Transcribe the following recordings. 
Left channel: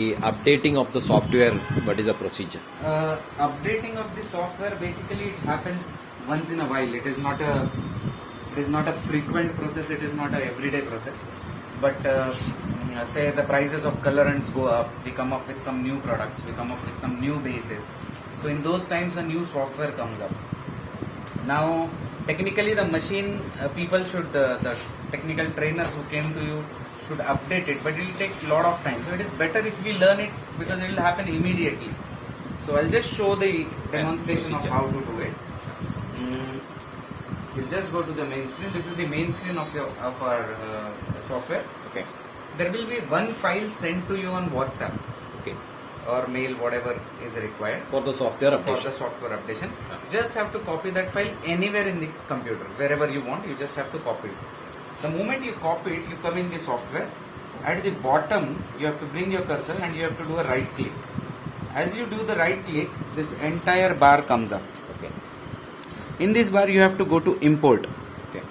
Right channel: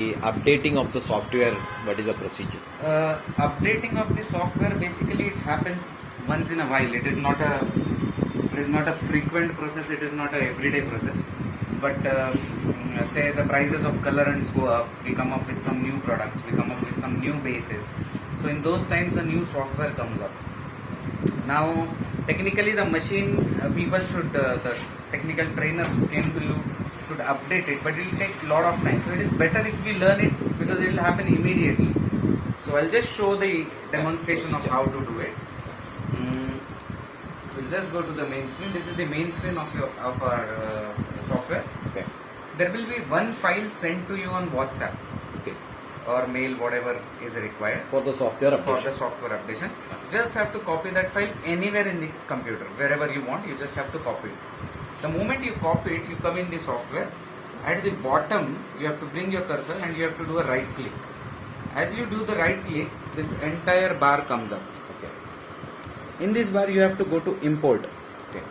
The updating of the software, what is the procedure? Updating of the software, basically it happens once in a while. It is not a frequent process. It is not a everyday process. But say the prices of colorants go up, we come up with some new products, we come up with some new bases. So in those times, a new software comes up. Now, technically, the machine people should, the technical trainers who came to you should update it, but it will take a lot of time. So it is better if we learn it because it will happen immediately. So I'll just show the demonstration of how to do it. We'll just go to the main screen. This is the main screen of our software. Okay. There will be one file sent to you on WhatsApp. Okay. Or mail, whatever is required For the software for updation. the software updation. Just have to copy that file anywhere in the computer, wherever you want. You just have to copy it. The moment you copy it, you come in the software. At the bottom, you have to bring your cursor and you have to do a right click. As you do the right click, this entire bar comes up. Okay. In this bar, you have to go to import. Okay.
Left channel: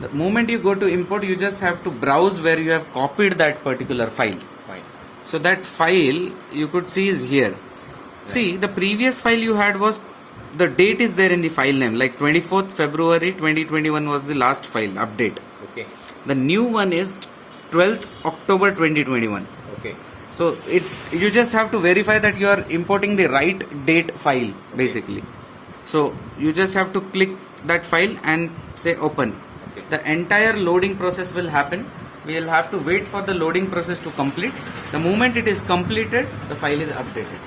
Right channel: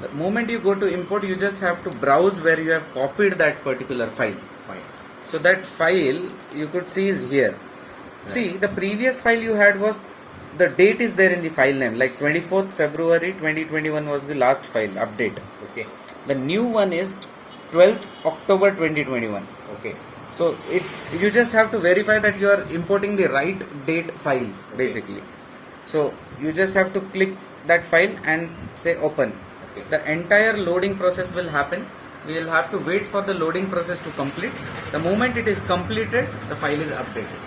The moment you go to import, you just have to browse where you have copied that particular file. Fine. So that file you could see is here. Right. See, the previous file you had was, the date is there in the file name, like 24th February 2021 was the last file update. Okay. The new one is 12th October 2021. Okay. So you just have to verify that you are importing the right date file, basically. So you just have to click that file and say open. Okay. The entire loading process will happen. We will have to wait for the loading process to complete. The moment it is completed, the file is updated.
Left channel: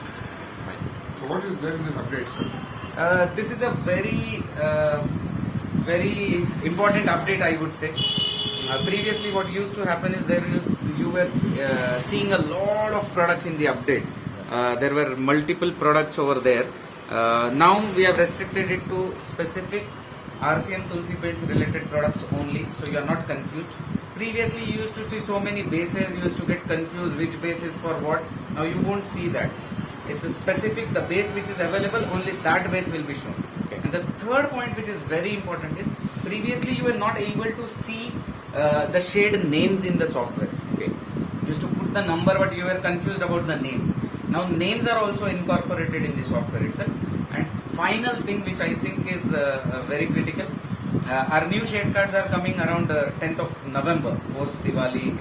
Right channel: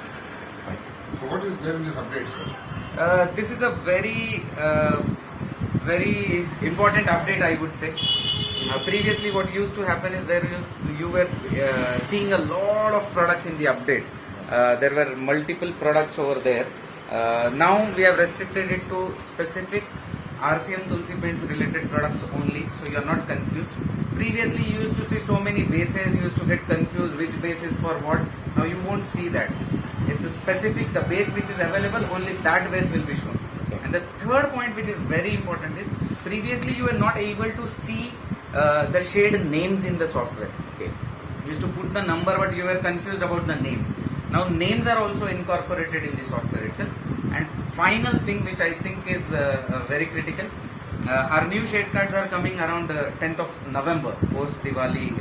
Fine. So what is there in this update, sir? This is a very important update, I would say. Previously, what used to happen is you were seeing a lot of products in the update. There were multiple products over there. Now we have restricted it to specific RCM Tulsi Paints related products only, so you are not confused. Previously, you used to see so many bases, you used to get confused which base is for what. Now you won't see that. It's a specific, the base which is available, only that base will be shown. Okay. And the third point which is very important is, previously you were not able to see the shade names in the software. Okay. You used to put the number, but you were confused about the names. Now names are also incorporated in the software itself. And final thing which I think is very critical, our new shade cards are coming around 10th of November, post Diwali,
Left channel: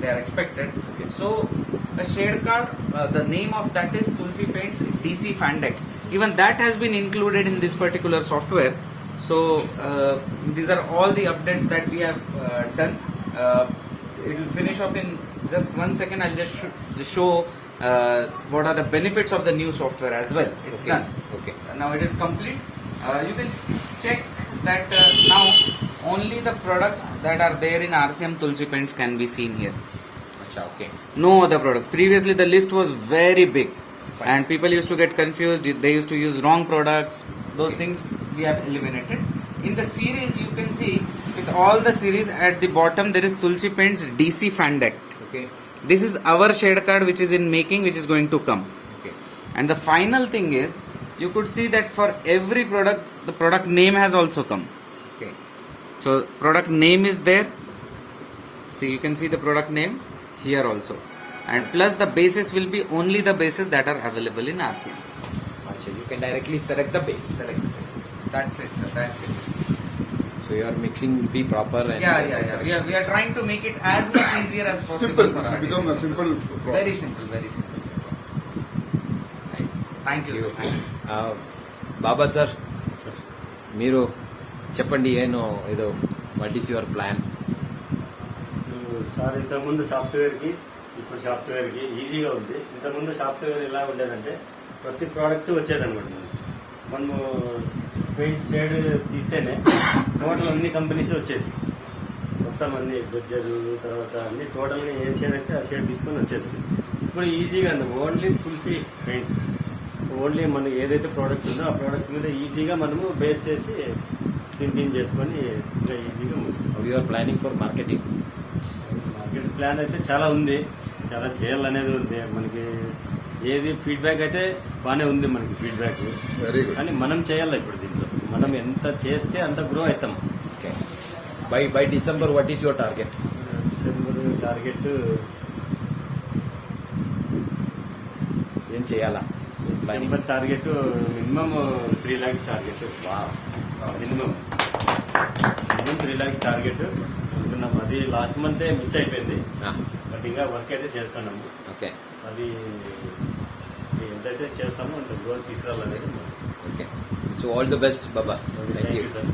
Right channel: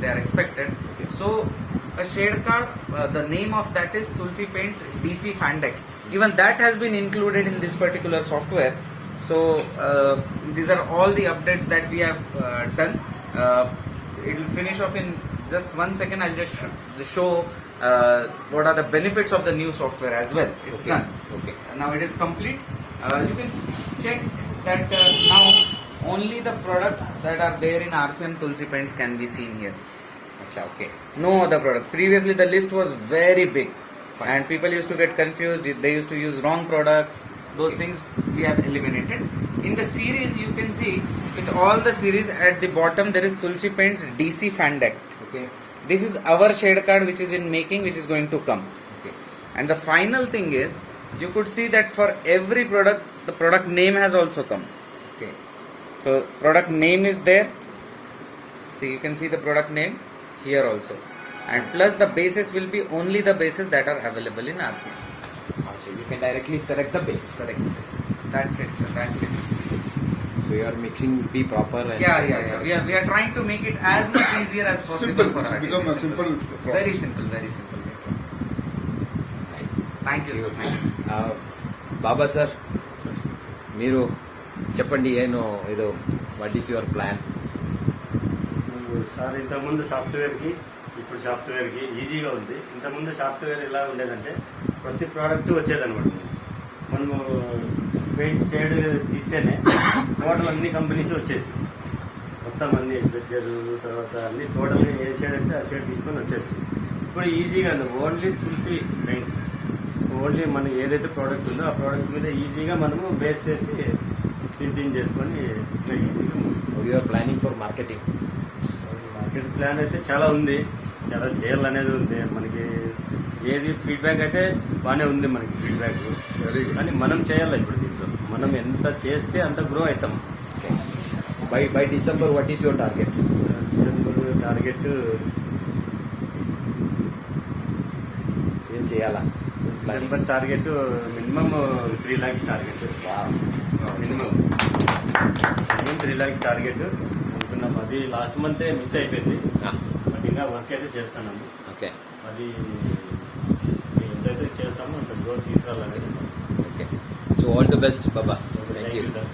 they are expected. Okay. So a shade card, the name of that is Tulsi Paints DC Fan Deck. Even that has been included in this particular software. So these are all the updates that we have done. It will finish off in just 1 second. I'll just show what are the benefits of the new software as well. It's Okay. done. Okay. Now it is complete. You can check that now only the products that are there in RCM Tulsi Paints can be seen here. Acha, okay. No other products. Previously the list was very big. Fine. And people used to get confused. They used to use wrong products. Those Okay. things we have eliminated. In the series, you can see with all the series at the bottom there is Tulsi Paints DC Fan Deck. Okay. This is our shade card which is in making, which is going to come. Okay. And the final thing is, you could see that for every product, the product name has also come. Okay. So product name is there. See, you can see the product name here also. And plus the bases will be only the bases that are available in RCM. Acha, you can directly select the base. Select the base. That's it, sir. That's it. So your mixing will be proper and Yeah. We are trying to make it as much easier as possible Simple. for It's our become a artists. simple process. Very simple, very simple. Right. Thank you. Baba sir మీరు చెప్పండి ఏనో ఏదో what is your plan? Sir ఇంతకుముందు సాఫ్ట్వేర్కి ఇప్పుడు సాఫ్ట్వేర్కి ఈజీగా ఉంది. ఇంతకుముందు software ఎలా ఉండేదంటే ప్రతి ప్రోడక్ట్ వచ్చేదనమాట. మనము పెయింట్ షేడ్ తీస్తేనే టోటల్ అన్ని కంపెనీస్ వచ్చేది. మొత్తం అన్ని బెడ్జర్ తర్వాత అన్ని టోటల్గా ఏ షేడ్ అయితే ఆ షేడ్ తీసుకొని వచ్చేది. ఇప్పుడు ఈజీగా ఓన్లీ తులసి పెయింట్స్, ఓన్లీ మనకి ఏదైతే ప్రోడక్ట్ ఉందో ఆ ప్రోడక్ట్ మీద ఈజీగా మనము బేస్ చేసి ప్రింటింగ్ చేసుకొని ఇట్లా ఈజీగా your planning for marketing. Market plan అయితే చాలా ఉంది, చాలా చేయాలనేది ఉంది. మనకి ఏది ఫీడ్బ్యాక్ అయితే బాగానే ఉంది మనకి ఫీడ్బ్యాక్, Very good. కానీ మనం చేయాలి. ఇప్పుడు దీంట్లో మనం ఎంత చేస్తే అంత గ్రో అవుతాం. Okay. By December what is your target? December target launch చేయాలా planning December target minimum 3 lakhs target. Minimum 3 lakhs target అనుకున్నాం. అది లాస్ట్ మంతే మిస్ అయిపోయింది. బట్ ఇంకా వర్క్ అయితే చేస్తున్నాము. ఓకే అది ఎంతైతే చేస్తామో అంత గ్రోత్ తీసుకురావాలనేది. Okay so all the best బాబా. Thank thank you you sir.